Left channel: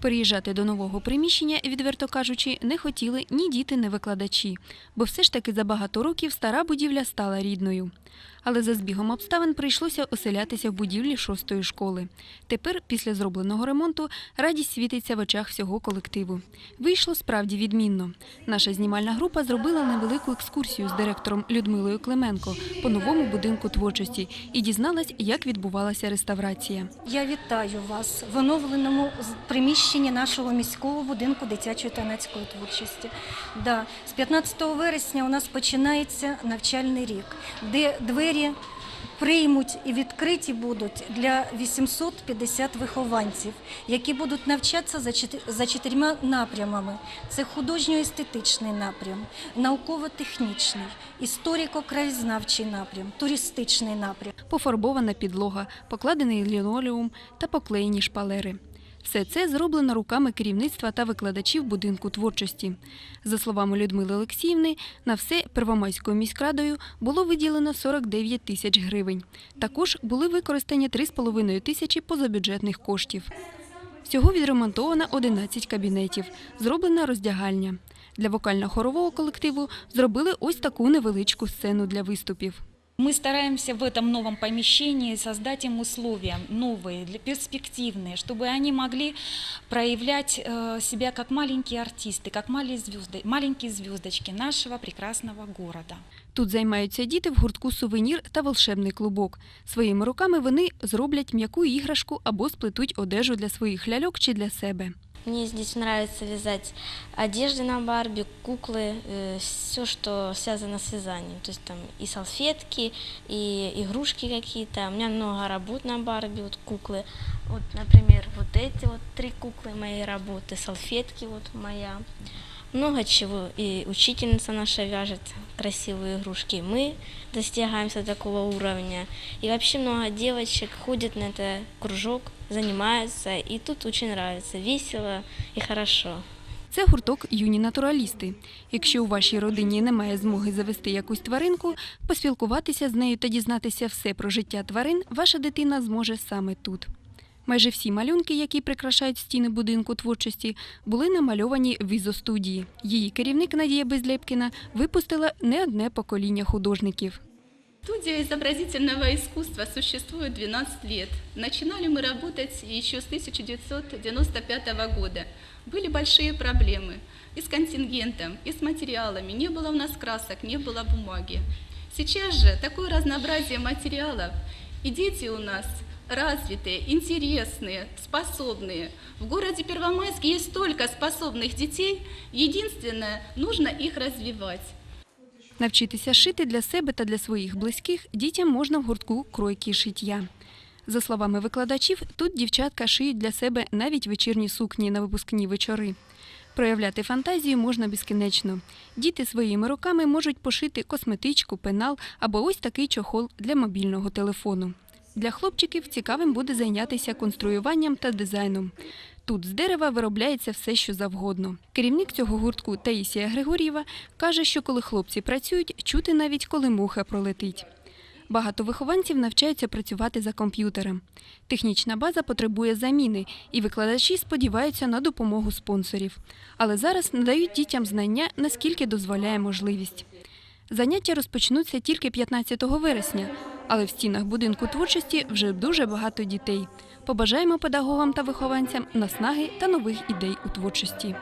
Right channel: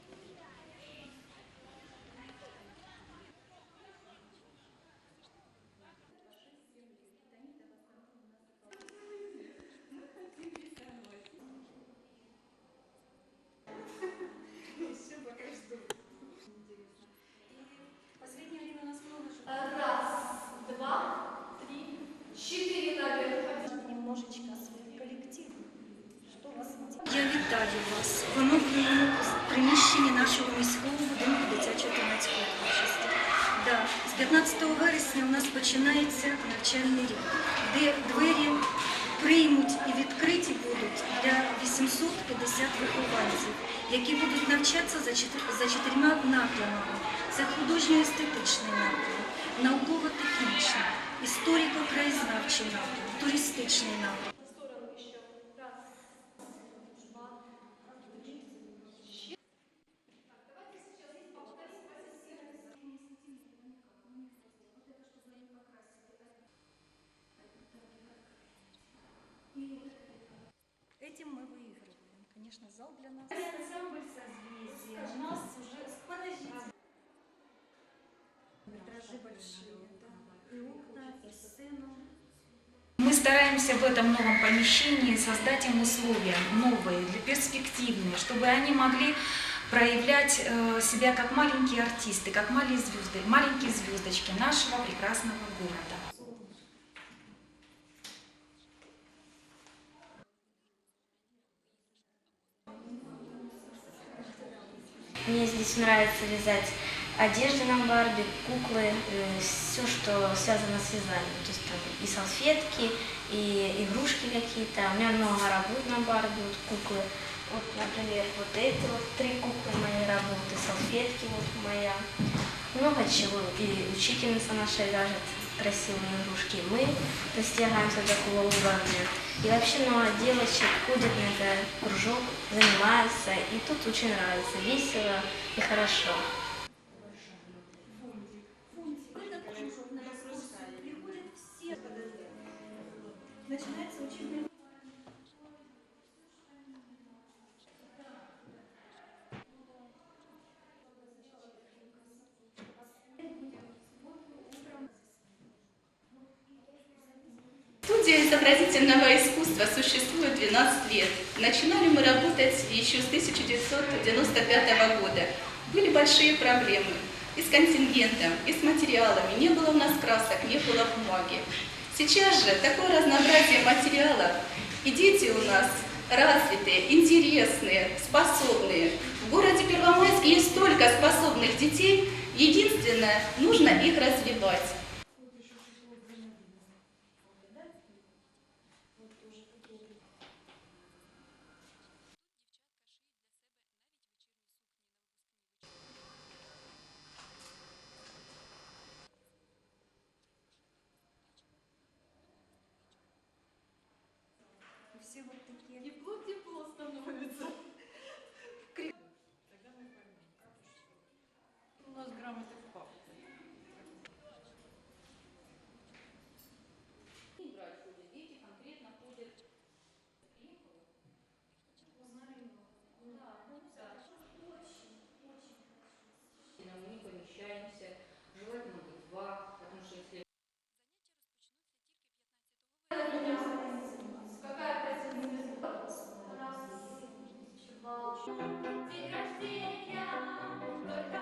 Переїжджати до нового приміщення, відверто кажучи, не хотіли ні діти, ні викладачі, бо все ж таки за багато років стара будівля стала рідною. Але за збігом обставин прийшлося оселятися в будівлі шостої школи. Тепер, після зробленого ремонту, радість світиться в очах всього колективу. Вийшло справді відмінно. Наша знімальна група зробила невелику екскурсію з директором Людмилою Клименко по новому будинку творчості і дізналась, як відбувалася реставрація. Я вітаю вас в оновленому приміщенні нашого міського будинку дитячої та юнацької творчості. Да, з 15 вересня у нас починається навчальний рік, де двері приймуть і відкриті будуть для 850 вихованців, які будуть навчатися за чотирма напрямами: це художньо-естетичний напрям, науково-технічний, історико-краєзнавчий напрям, туристичний напрям. Пофарбована підлога, покладений лінолеум та поклеєні шпалери. Все це зроблено руками керівництва та викладачів будинку творчості. За словами Людмили Олексіївни, на все Первомайською міськрадою було виділено 49 тисяч гривень. Також були використані 3,5 тисячі позабюджетних коштів. Всього відремонтовано 11 кабінетів, зроблена роздягальня. Для вокально-хорового колективу зробили ось таку невеличку сцену для виступів. Мы стараемся в этом новом помещении создать им условия новые, перспективные, чтобы они могли проявлять э, себя как маленькие артисты, как маленькие, звездочки нашего прекрасного города. Тут займаються діти в гуртку сувенір та волшебний клубок. Своїми руками вони зроблять м'яку іграшку або сплетуть одежу для своїх ляльок чи для себе. Мне здесь нравится вязать одежду на Барби, куклы, все, что связано с вязанием. То есть там и салфетки, и игрушки какие-то. У меня много работ на Барби, вот куклы. Вот, например, вот эти вот три куклы моей работы, салфетки вот моя. Много чего. И учительница наша вяжет красивые игрушки. И мы достигаемся такого уровня. И вообще много девочек ходят на этот кружок, занимаются. И тут очень нравится, весело и хорошо. Це гурток юні натуралісти. Якщо у вашій родині немає змоги завести якусь тваринку, поспілкуватися з нею та дізнатися все про життя тварин, ваша дитина зможе саме тут. Майже всі малюнки, які прикрашають стіни будинку творчості, були намальовані в ізостудії. Її керівник Надія Безлєпкіна випустила не одне покоління художників. Студия изобразительного искусства существует 12 лет. Начинали мы работать еще с 1995 года. Были большие проблемы и с контингентом, и с материалами. Не было у нас красок, не было бумаги. Сейчас же такое разнообразие материалов, и дети у нас развитые, интересные, способные. В городе Первомайске есть столько способных детей, единственное, нужно их развивать. Навчитися шити для себе та для своїх близьких дітям можна в гуртку кройки шиття. За словами викладачів, тут дівчатка шиють для себе навіть вечірні сукні на випускні вечори. Проявляти фантазію можна безкінечно. Діти своїми руками можуть пошити косметичку, пенал або ось такий чохол для мобільного телефону. Для хлопчиків цікавим буде зайнятися конструюванням та дизайном. Тут з дерева виробляється все, що завгодно. Керівник цього гуртку Таїсія Григор'єва каже, що коли хлопці працюють, чути навіть коли муха пролетить. Багато вихованців навчаються працювати за комп'ютером. Технічна база потребує заміни, і викладачі сподіваються на допомогу спонсорів. Але зараз надають дітям знання, наскільки дозволяє можливість. Заняття розпочнуться тільки 15 вересня, але в стінах будинку творчості вже дуже багато дітей. Побажаємо педагогам та вихованцям наснаги та нових ідей у творчості.